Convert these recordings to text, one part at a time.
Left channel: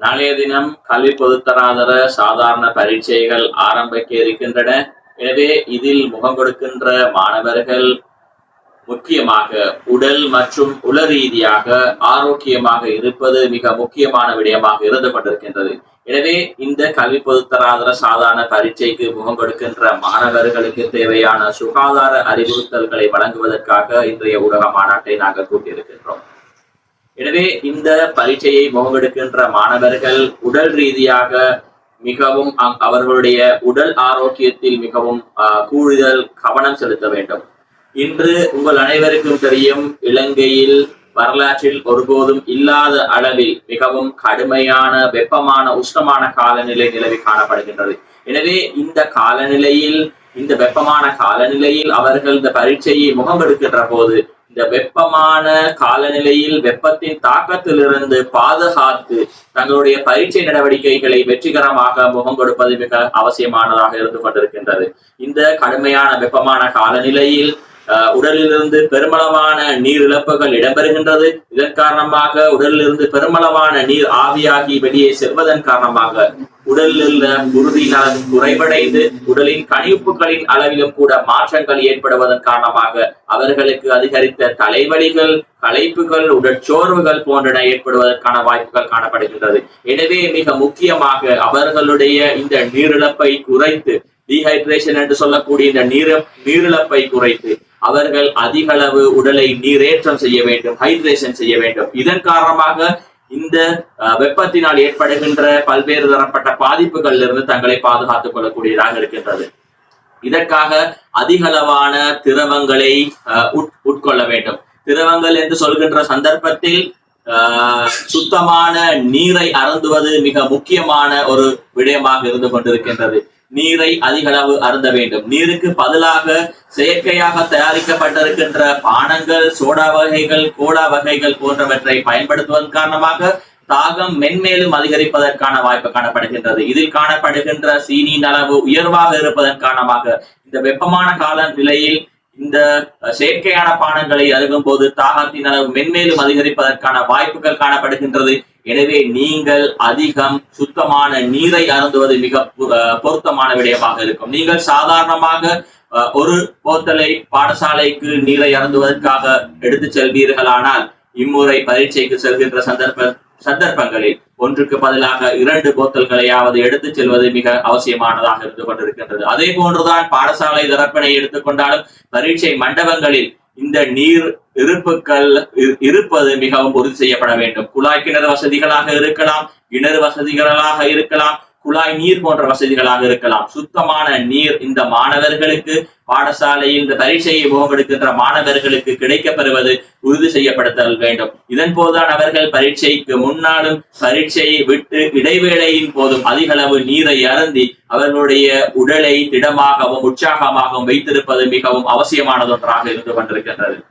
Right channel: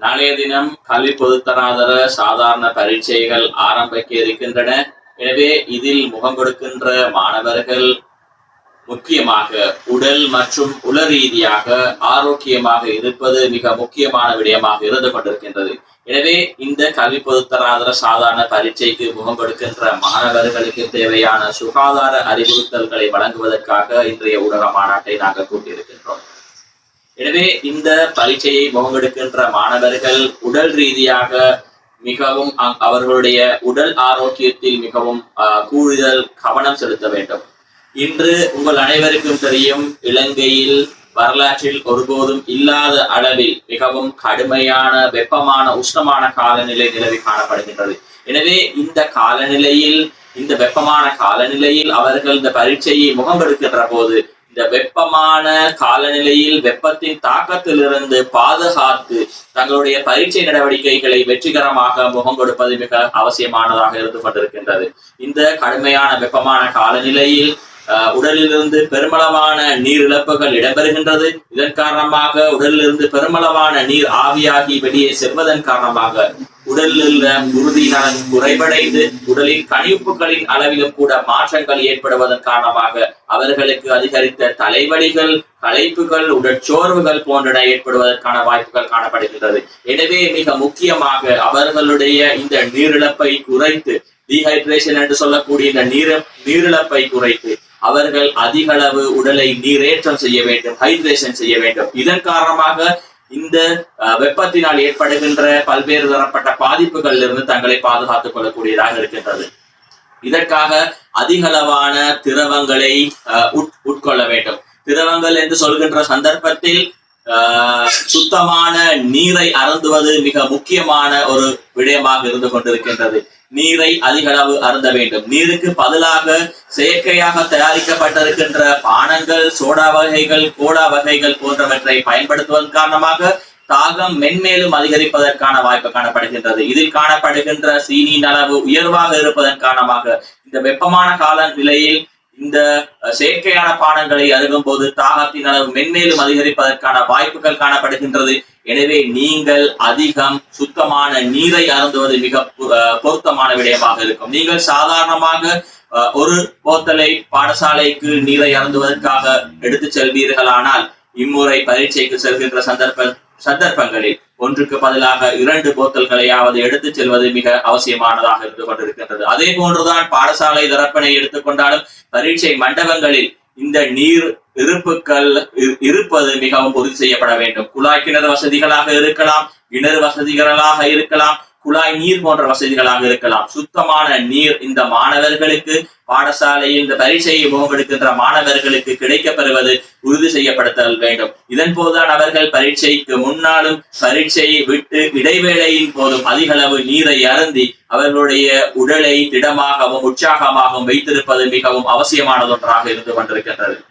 நாளைய தினம் கல்வி பொதுத்தராதர சாதாரண பரீட்சைகள் ஆரம்பிக்க இருக்கின்றன. எனவே இதில் முகம் கொடுக்கின்ற மாணவர்கள் முக்கியமாக உடல் மற்றும் உள ரீதியாக ஆரோக்கியமாக இருப்பது மிக முக்கியமான விடயமாக இருந்து கொண்டிருக்கின்றது. எனவே இந்த கல்வி பொதுத்தராதர சாதாரண பரீட்சைக்கு முகம் கொடுக்கின்ற மாணவர்களுக்கு தேவையான சுகாதார அறிவுறுத்தல்களை வழங்குவதற்காக இன்றைய ஊடக மாநாட்டை நாங்கள் கூட்டியிருக்கின்றோம். எனவே இந்த பரீட்சையை முகமெடுக்கின்ற மாணவர்கள் உடல் ரீதியாக மிகவும் அ- அவர்களுடைய உடல் ஆரோக்கியத்தில் மிகவும் ஆஹ், கூடுதல் கவனம் செலுத்த வேண்டும். இன்று உங்கள் அனைவருக்கும் தெரியும் இலங்கையில் வரலாற்றில் ஒருபோதும் இல்லாத அளவில் மிகவும் கடுமையான வெப்பமான உஷ்ணமான காலநிலை நிலவி காணப்படுகின்றது. எனவே இந்த காலநிலையில் இந்த வெப்பமான காலநிலையில் அவர்கள் இந்த பரீட்சையை முகம் எடுக்கின்ற போது இந்த வெப்பமான காலநிலையில் வெப்பத்தின் தாக்கத்திலிருந்து பாதுகாத்து தங்களுடைய பரீட்சை நடவடிக்கைகளை வெற்றிகரமாக முகம் கொடுப்பது மிக அவசியமானதாக இருந்து கொண்டிருக்கின்றது இந்த கடுமையான வெப்பமான காலநிலையில் உடலிலிருந்து பெருமளவான நீர் இழப்புகள் இடம்பெறுகின்றது. இதன் காரணமாக உடலிலிருந்து பெருமளவான நீர் ஆவியாகி வெளியே செல்வதன் காரணமாக உடலில் உள்ள உறுதியினால் குறைவடைந்து உடலின் கணிப்புகளின் அளவிலும் கூட மாற்றங்கள் ஏற்படுவதன் காரணமாக அவர்களுக்கு அதிகரித்த தலைவலிகள் களைப்புகள் உடற்சோர்வுகள் போன்றன ஏற்படுவதற்கான வாய்ப்புகள் காணப்படுகின்றது. எனவே மிக முக்கியமாக அவர்களுடைய இந்த நீரிழப்பை குறைத்து டீஹைட்ரேஷன் என்று சொல்லக்கூடிய இந்த நீர நீரிழப்பை குறைத்து அவர்கள் அதிக அளவு உடலை நீரேற்றம் செய்ய வேண்டும் ஹைட்ரேஷன் செய்ய வேண்டும். இதன் காரணமாக இந்த வெப்பத்தினால் ஏற்படுகின்ற பல்வேறு தரப்பட்ட பாதிப்புகளில் இருந்து தங்களை பாதுகாத்துக் கொள்ளக்கூடியதாக இருக்கின்றது. இதற்காக அதிகளவான திரவங்களை அஹ், உட்- உட்கொள்ள வேண்டும். திரவங்கள் என்று சொல்கின்ற சந்தர்ப்பத்தில் அஹ், சுத்தமான நீரை அருந்துவது மிக முக்கியமான ஒரு விடயமாக இருந்து கொண்டிருக்கின்றது. நீரை அதிகளவு அருந்த வேண்டும். நீருக்கு பதிலாக செயற்கையாக தயாரிக்கப்பட்டிருக்கின்ற பானங்கள் சோடா வகைகள் கோடா வகைகள் போன்றவற்றை பயன்படுத்துவதன் காரணமாக தாகம் மென்மேலும் அதிகரிப்பதற்கான வாய்ப்பு காணப்படுகின்றது. இதில் காணப்படுகின்ற சீனியின் அளவு உயர்வாக இருப்பதன் காரணமாக இந்த வெப்பமான கால நிலையில் இந்த செயற்கையான பானங்களை அருகும் போது தாகத்தின் அளவு மென்மேலும் அதிகரிப்பதற்கான வாய்ப்புகள் காணப்படுகின்றது. எனவே நீங்கள் அதிகம் சுத்தமான நீரை அருந்துவது மிக பொருத்தமான விடயமாக இருக்கும். நீங்கள் சாதாரணமாக ஒரு போத்தலை பாடசாலைக்கு நீரை அருந்துவதற்காக எடுத்து செல்வீர்களானால் இம்முறை பரீட்சைக்கு செல்கின்ற சந்தர்ப்ப சந்தர்ப்பங்களில் ஒன்றுக்கு பதிலாக இரண்டு போத்தல்களையாவது எடுத்துச் செல்வது மிக அவசியமானதாக இருந்து கொண்டிருக்கின்றது. அதே போன்றுதான் பாடசாலை தரப்பினை எடுத்துக்கொண்டாலும் பரீட்சை மண்டபங்களில் இந்த நீர் இருப்புக்கள் இரு- இருப்பது மிகவும் உறுதி செய்யப்பட வேண்டும். குழாய் கிணறு வசதிகளாக இருக்கலாம் கிணறு வசதிகளாக இருக்கலாம் குழாய் நீர் போன்ற வசதிகளாக இருக்கலாம். சுத்தமான நீர் இந்த மாணவர்களுக்கு பாடசாலையில் இந்த பரீட்சையை முகமெடுக்கின்ற மாணவர்களுக்கு கிடைக்கப்பெறுவது உறுதி செய்யப்படுத்தல் வேண்டும். இதன் போதுதான் அவர்கள் பரீட்சைக்கு முன்னாலும் பரீட்சையை விட்டு இடைவேளையின் போதும் அதிக அளவு நீரை அருந்தி அவர்களுடைய உடலை திடமாகவும் உற்சாகமாகவும் வைத்திருப்பது மிகவும் அவசியமானதொன்றாக இருந்து கொண்டிருக்கின்றது.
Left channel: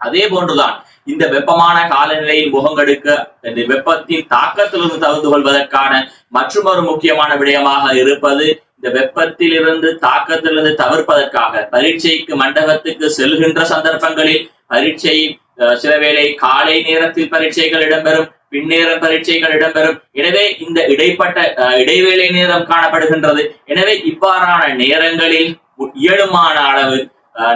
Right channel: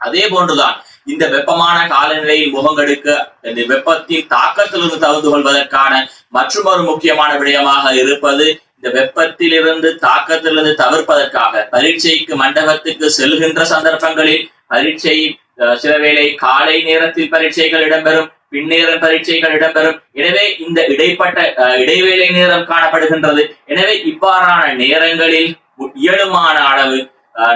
அதே போன்றுதான் இந்த வெப்பமான காலநிலையில் முகங்கெடுக்க இந்த வெப்பத்தின் தாக்கத்திலிருந்து தவிர்த்து கொள்வதற்கான மற்றொரு முக்கியமான விடயமாக இருப்பது இந்த வெப்பத்திலிருந்து தாக்கத்திலிருந்து தவிர்ப்பதற்காக பரீட்சைக்கு மண்டபத்துக்கு செல்கின்ற சந்தர்ப்பங்களில் பரீட்சை அஹ், சில வேளை காலை நேரத்தில் பரீட்சைகள் இடம்பெறும் பின்னேற பரீட்சைகள் இடம்பெறும். எனவே இந்த இடைப்பட்ட அஹ், இடைவேளை நேரம் காணப்படுகின்றது. எனவே இவ்வாறான நேரங்களில் இயலுமான அளவு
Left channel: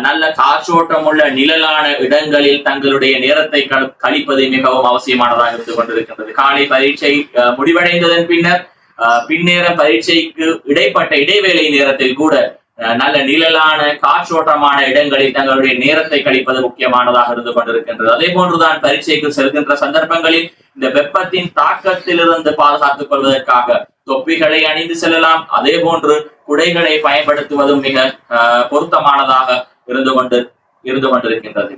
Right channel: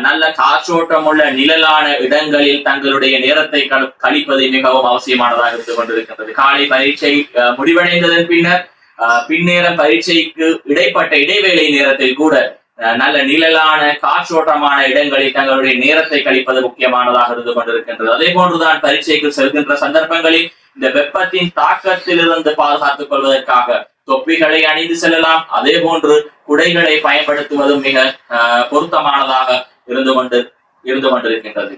நல்ல காற்றோட்டம் உள்ள நிழலான இடங்களில் தங்களுடைய நேரத்தை கழிப்பது மிகவும் அவசியமானதாக இருந்து கொண்டிருக்கின்றது. காலை பரீட்சை அஹ், முடிவடைந்ததன் பின்னர் அஹ், பின்னேற பரீட்சைக்கு இடைப்பட்ட இடைவேளை நேரத்தில் கூட அஹ், நல்ல நிழலான காற்றோட்டமான இடங்களில் தங்களுடைய நேரத்தை கழிப்பது முக்கியமானதாக இருந்து கொண்டிருக்கின்றது. அதே போன்றுதான் பரீட்சைக்கு செல்கின்ற சந்தர்ப்பங்களில் இந்த வெப்பத்தின் தாக்கத்திலிருந்து பாதுகாத்துக் கொள்வதற்காக தொப்பிகளை அணிந்து செல்லலாம். அதே போன்று குடைகளை பயன்படுத்துவதும் மிக அஹ், பொருத்தமானதாக இருந்து கொண்டு இருந்து கொண்டிருக்கின்றது.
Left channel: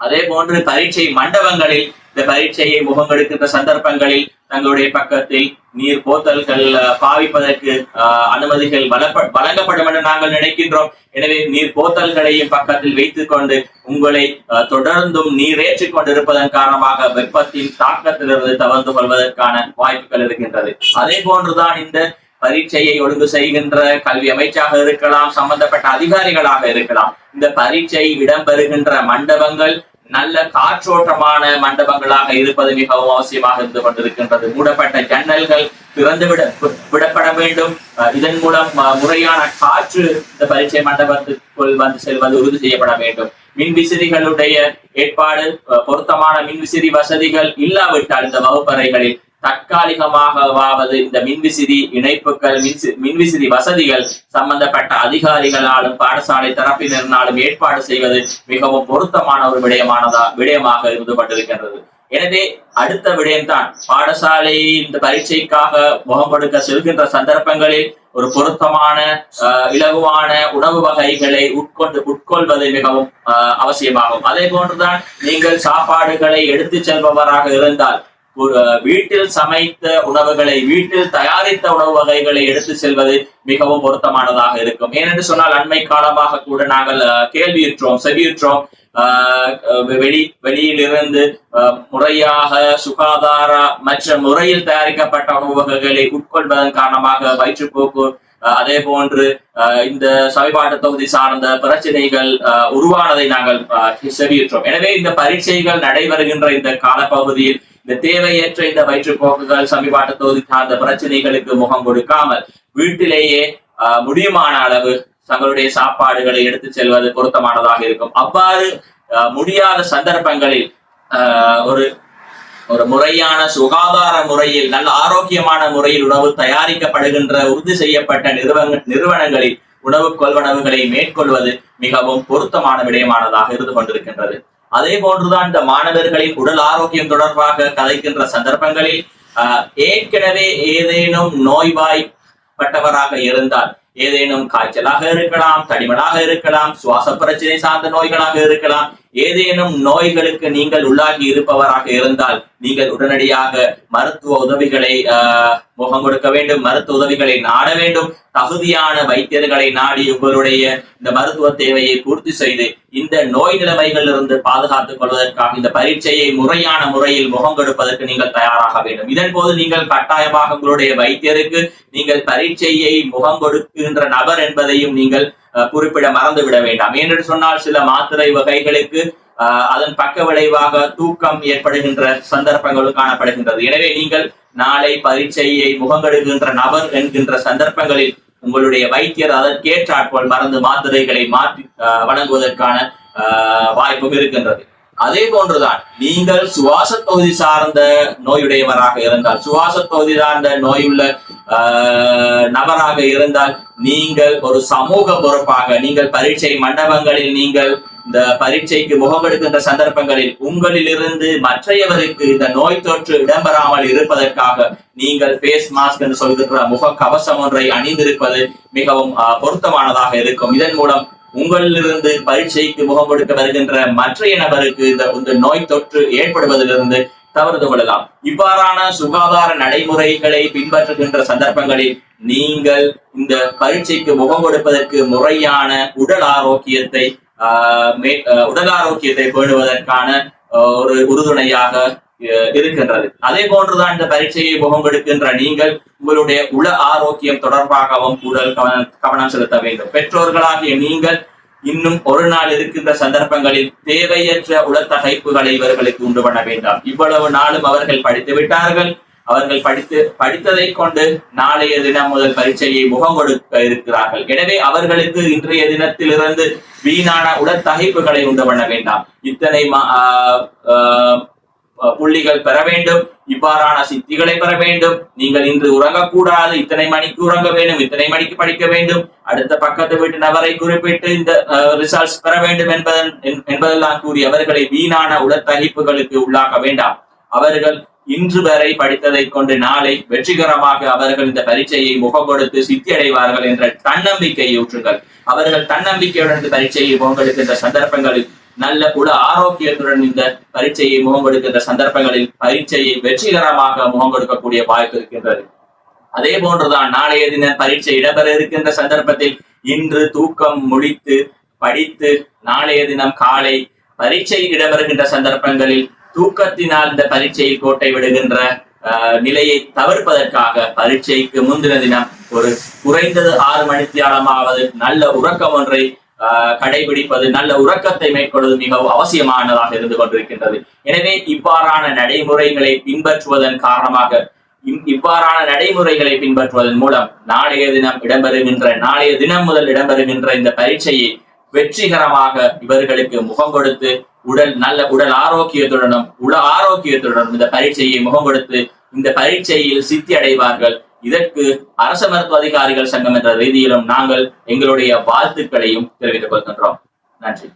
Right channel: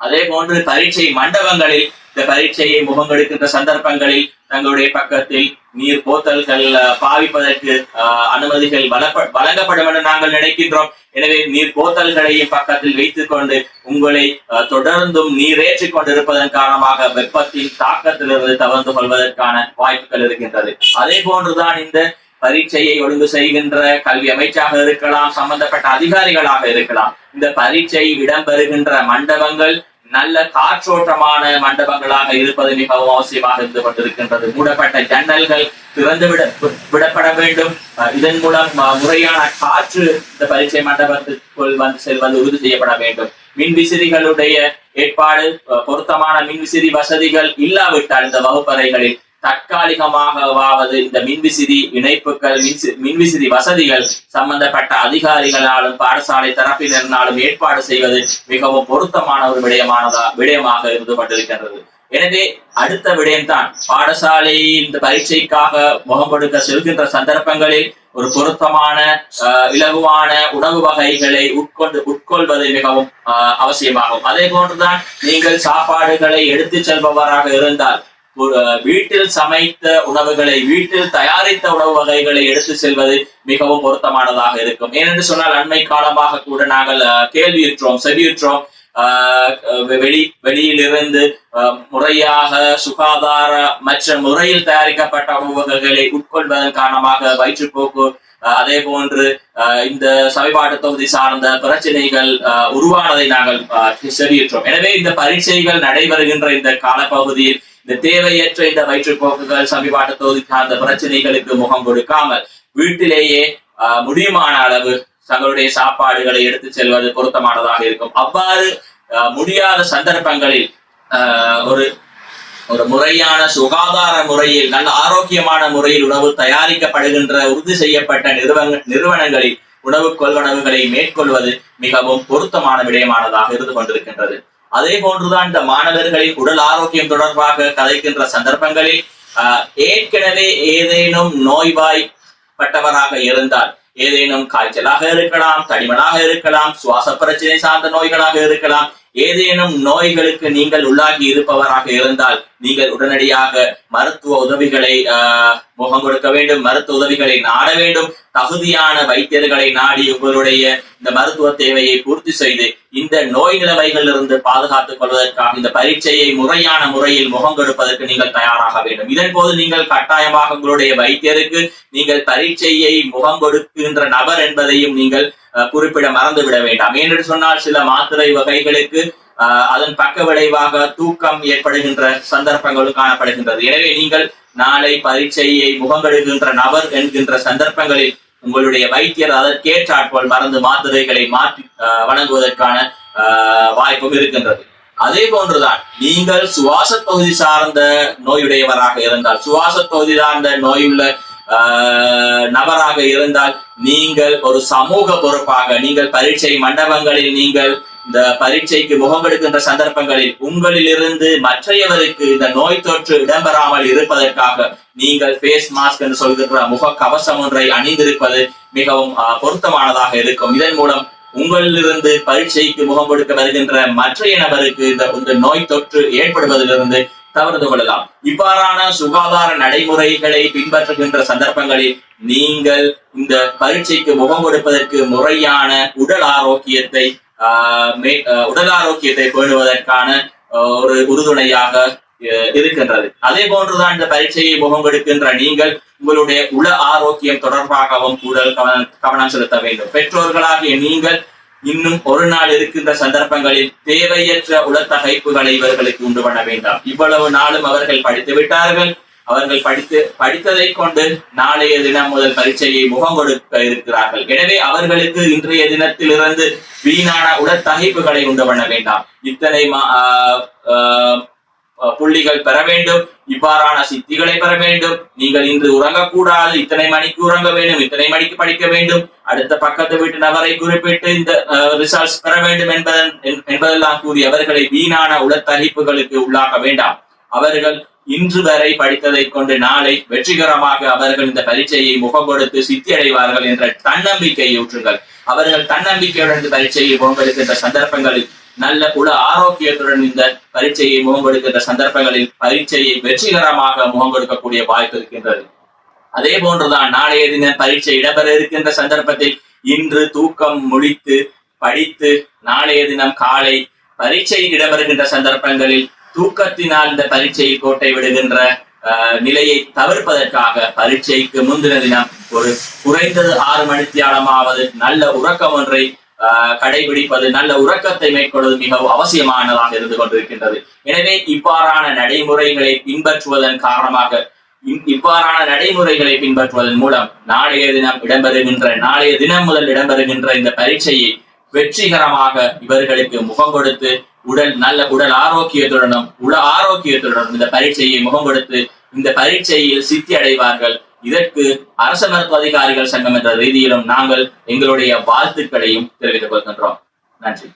அதே போன்று பரீட்சை மண்டபங்களில் இந்த பரீட்சையை முகங்கெடுக்கின்ற சந்தர்ப்பங்களில் தங்களுடைய பக்கத்தில் நீர் போத்தல்கள் பாவிப்பதற்கு அஹ், அனுமதிகள் வளப்ப வழங்கப்படும் என்று நாங்கள் நினைக்கின்றோம். எனவே நீர் போத்தல்களையும் பக்கத்தில் வைத்துக் கொண்டு உங்களை அஹ், தொடர்ந்தும் நீரேற்றிக் கொண்டிருப்பதன் காரணமாக வெப்பத்தின் தாக்கத்திலிருந்து தவிர்த்து கொள்வதற்கான வாய்ப்புகள் இருக்கின்றது. அதே போன்றுதான் இந்த பரீட்சையை ஒழுங்கு செய்கின்ற கல்வி அமைச்சாக இருக்கலாம் சம்பந்தப்பட்ட அதிகாரிகளாக இருக்கலாம். இந்த பரீட்சை இடம்பெறுகின்ற மண்டபங்கள் நல்ல காற்றோட்டமான மண்டபங்களாக இருப்பது மிகவும் அவசியமாக இருந்து கொண்டிருக்கின்றது. மூடப்பட்ட ஜன்னல்கள் திறந்து விட விடப்பட வேண்டும். அஹ் இதன் மூலம் முறையான காற்று இந்த பரீட்சை மண்டபத்திற்குள் வந்து செல்வது உறுதி செய்யப்பட வேண்டும். மின் விசிறிகளுடைய ஏற்பாடு பொருத்தமான மின் விசிறி வசதிகள் இல்லாவிட்டால் இந்த வகுப்பறைகளில் தற்காலிகமாகவாவது இந்த மின்விசிறி இணைப்புகள் மின்சி- மின்விசிறி வசதிகள் சம்பந்தப்பட்ட அதிகாரிகளாலும் பாடசாலை தரப்பினரினாலும் ஏற்பாடு செய்வது மிகவும் பொருத்தமான ஒரு விடயமானதா விடயமாக இருந்து கொண்டிருக்கின்றது. எனவே அடுத்த விடயம்தான் பாடசாலை இந்த பரீட்சைக்காக முகம் கொடுக்க செல்கின்ற சந்தர்ப்பங்களில் ஒரு பொருத்தமான அஹ், இலகுவான உணவு வகைகளை உட்கொண்டு உட்கொள்வது மிகவும் அஹ், அவசியமாகும். அதே போன்றுதான் நீங்கள் சாப்பாடுகளை எடுத்துச் செல்பவராக இருந்தால் வீட்டில் சமைத்த உணவுகளை வீட்டில் தயாரித்த உணவு வகைகளை எடுத்து செல்வது மிகவும் பொருத்தமானதாக இருக்கும். ஏனென்று சொன்னால் அண்மை காலமாக கூட நாங்கள் அஹ், கேள்வியுற்றோம் செவியுற்றோம். ஆஹ் வெளி வெளியிலிருந்து அஹ், முறையாக சுகாதார மற்ற முறையில் தயாரிக்கப்பட்ட உணவு வகைகளை உட்கொள்வதன் காரணமாக வயிற்றுப்போக்கு அஹ், அதே போன்று அஹ், இந்த சமீபாட்டு தொகுதி சார்ந்த பிரச்சனைகள் அஹ், உருவானதை நாங்கள் அஹ், செவியுற்றோம். எனவே இந்த பரீட்சைகள் நடைபெறுகின்ற இந்த காலப்பகுதியில் இந்த தேவையற்ற இந்த வயிற்றுப்போக்குகள் சமீபாட்டத்தோடு சார்ந்த பிரச்சனைகளுக்கு முகம் கொடுக்காமல் வீட்டிலேயே முடியுமான அளவு தங்களுடைய சாப்பாடுகளை எடுத்து செல்வது பொருத்தமானதாக இருக்கும். அவ்வாறு ஆஹ், முடியாத சந்தர்ப்பங்களில் ஒரு ஒரு முறையான சுகாதார முறையில் நல்ல ஆரோக்கியமான முறையில் உணவு தயாரிக்கப்படுகின்ற உறுதி செய்யப்பட்ட நிறுவன நிறுவனங்களில் உணவு கொள்வனவுகளை மேற்கொள்வது மிகவும் பொருத்தமான விடயமானதாக இருந்து கொண்டிருக்கின்றது. அதே போன்றுதான் இந்த மாணவர்களின் உடல் ஆரோக்கியம் தொடர்பாக கதைக்கின்ற சந்தர்ப்பங்களில் ஏற்கனவே ஏதேனும் நோய்வாய்ப்பட்டவராக இருந்தால் ஏதேனும் காய்ச்சலாக இருக்கலாம் தடிமனாக இருக்கலாம் சுவாச பிரச்சனை சார்ந்த நோய்களாக இருக்கலாம் ஏதேனும் நோய்களுக்கு நீங்கள் உள்ளாகி இருப்பவராக இருந்தால் நீங்கள் உடனடியாக மருத்துவ உதவிகளை முகம் கொடுக்க வேண்டும் மருத்துவ உதவிகளை நாட வேண்டும். தகுதியான வைத்தியர்களை நாடி உங்களுடைய இந்த மருத்துவ தேவையை பூர்த்தி செய்து இந்த நோய் நிலைமைகளிலிருந்து பாதுகாத்துக் கொள்வதற்காக இந்த பரீட்சையை முறையான முறையில் முகம் கொடுப்பதற்கு நீங்கள் தயாராக வேண்டும். இதன் போது நீங்கள் கட்டாயமாக உங்களுடைய வைத்தியருக்கு நீங்கள் பரீட்சையை முகம் கொடுக்கின்ற நபர் என்பதையும் நீங்கள் குறிப்பிட மறந்து விட வேண்டாம். ஏனென்று சொன்னால் சில மாத்திரை வகைகளுக்கு அதன் பக்க விளைவாக தூக்கம் ஏற்படுகின்ற சந்தர்ப்பங்களும் காணப்படுகின்றது. எனவே நீங்கள் நாளை பரீட்சையை முகங்கெடுகின்ற நபர் என்கின்ற சந்தர்ப்பங்களில் உங்களுடைய வைத்தியர் அதற்கேற்றாற்போல் மருந்து மாத்திரைகளை மாற்றி அஹ், வழங்குவதற்கான அஹ், வாய்ப்பும் இருக்கின்றது. அதே போன்றுதான் நீங்கள் சுவாச தொகுதி சார்ந்த நோயுடையவராக இருந்தால் சுவாச தொகுதி சார்ந்த நோயுள்ள நபராக இருந்தால் நீங்கள் ஒரு சமூக பொறுப்பாக நீங்கள் பரீட்சை மண்டபங்களில் நீங்கள் இந்த பரீட்சைக்கு முகமெடுக்கின்ற சந்தர்ப்பங்களில் உங்களிலிருந்து மற்றையவருக்கு இந்த நோய் தொற்று இடம்பெறாமல் இருப்பதற்காக நீங்கள் ஃபேஸ் மாஸ்க் என்று சொல்கின்ற முக கவசம் ஒன்றை அணிந்திருப்பது மிகவும் பொருத்தமானதாக இருக்கும். இதன் மூலம் உங்களிலிருந்து பரீட்சைக்கு முகம் கொடுக்க வருகின்ற மற்றைய நபருக்கு இந்த நோய் தொற்று ஏற்படுவதிலிருந்து தவிர்த்து கொள்ளலாம். இவ்வாறான சுகாதார நடைமுறைகளை பின்பற்றுகின்ற சந்தர்ப்பங்களில் நீங்கள் இந்த பரீட்சைக்கு முகம் கொடுப்பதற்கு முறையான உடல் ஆரோக்கியத்தை ஆஹ், மே- உடல் ஆரோக்கியத்தை பேணுவதற்கான ஒரு உறுதுணையாக இருக்கின்றது. அதே போன்றுதான் இந்த பரீட்சையை முகம் கொடுக்கின்ற நீங்கள் உங்களுடைய உள ஆரோக்கியம் தொடர்பாகவும் உடல் கவனம் கவனம் செலுத்த வேண்டும். பெற்றோர்களாகிய நீங்கள் இன்னும் ஒரு நாள் இருக்கின்ற சந்தர்ப்பங்களில் தேவையற்ற உளத்தகைப்புகளை இவர்களுக்கு உண்டு பண்ண வேண்டாம். இவ்வளவு நாளும் அவர்கள் படித்து விட்டார்கள். அவர்கள் படித்து படித்ததை கொண்டு நாளைய தினம் முதல் பரீட்சையை முகம் கொடுக்க இருக்கிறார்கள். எனவே அவர்களுக்கு இன்றைய தினத்திலிருந்து வீணான உடற்தகைப்புகளை உண்டு பண்ண வேண்டாம். இத்தனை மா- ஆஹ் ஆஹ் புள்ளிகள் பெற வேண்டும். இவ்வாறான சித்திகளை பெற வேண்டும். நீங்கள் இன்று உறங்கக்கூடாது. இத்தனை மணிக்கு உறங்க வேண்டும். இத்தனை மணிக்கு படிக்க வேண்டும். அடுத்த பக்கத்து வீட்டு நபரை குறிப்பிட்டு இந்த ரிசல்ட்ஸ் பெற வேண்டும் என்பதன் என்பதெல்லாம் கூறி அவர்களை வீணான உடற்பகிப்புகளுக்கு உள்ளாக்க வேண்டாம். அவர்கள் இன்று வரை படித்ததை கொண்டு நாளை வெற்றிகரமாக அவர்கள் இந்த பரீட்சையை முகம் கொடுத்து சித்தி அடைவார்கள் என்ற தன்னம்பிக்கையை ஊற்றுங்கள். அவர்கள் தன்னம்பிக்கையுடன் இந்த பரீட்சையை முகம் கொடுக்கின்ற சந்தர்ப்பங்களில் நல்ல உல ஆரோக்கியத்துடன் இந்த பரீட்சையை முகம் கொடுக்கின்ற சந்தர்ப்பங்களில் பரீட்சையை வெற்றிகரமாக முகம் கொடுக்கக்கூடிய வாய்ப்பு இருக்கின்றது. அதே போன்றுதான் நாளைய தினம் பரீட்சை இடம்பெற இருக்கின்ற சந்தர்ப்பத்தில் இன்று தூக்கம் முடித்து படித்து நாளைய தினம் காலை பரீட்சை இடம்பெறுகின்ற சந்தர்ப்பங்களில் தூக்கத்தினால் இந்த பரீட்சையில் கோட்டை விடுகின்ற நிலையை தவிர்ப்பதற்காக பரீட்சைக்கு முந்தின தினம் ஒரு குறைந்தது ஆறு மணித்தியாலமாவது நல்ல உறக்கம் ஒன்றை கடைபிடிப்பது நல்ல உறக்கத்தை மேற்கொள்வது மிகவும் அவசியமானதாக இருந்து கொண்டிருக்கின்றது. எனவே இவ்வாறான நடைமுறைகளை பின்பற்றுவதன் காரணமாக இவ்வாறான நடைமுறைகளை பின்பற்றுவதன் மூலம் நாளைய தினம் இடம்பெறுகின்ற நாளைய தினம் முதல் இடம்பெறுகின்ற இந்த பரீட்சையை வெற்றிகரமாக இவர்களுக்கு முகம் கொடுத்து உடல் நல்ல உடல் ஆரோக்கியத்துடனும் உடல் ஆரோக்கியத்துடனும் இந்த பரீட்சையை முகம் கொடுத்து இந்த பரீட்சையில் சித்தி அடைவார்கள் இதற்கு அரச மருத்துவ அதிகாரிகள் சங்கம் என்ற ரீதியிலும் நாங்கள் எங்களுடைய வாழ்த்துக்களையும் தெரிவித்துக் கொள்கின்றோம். நன்றி.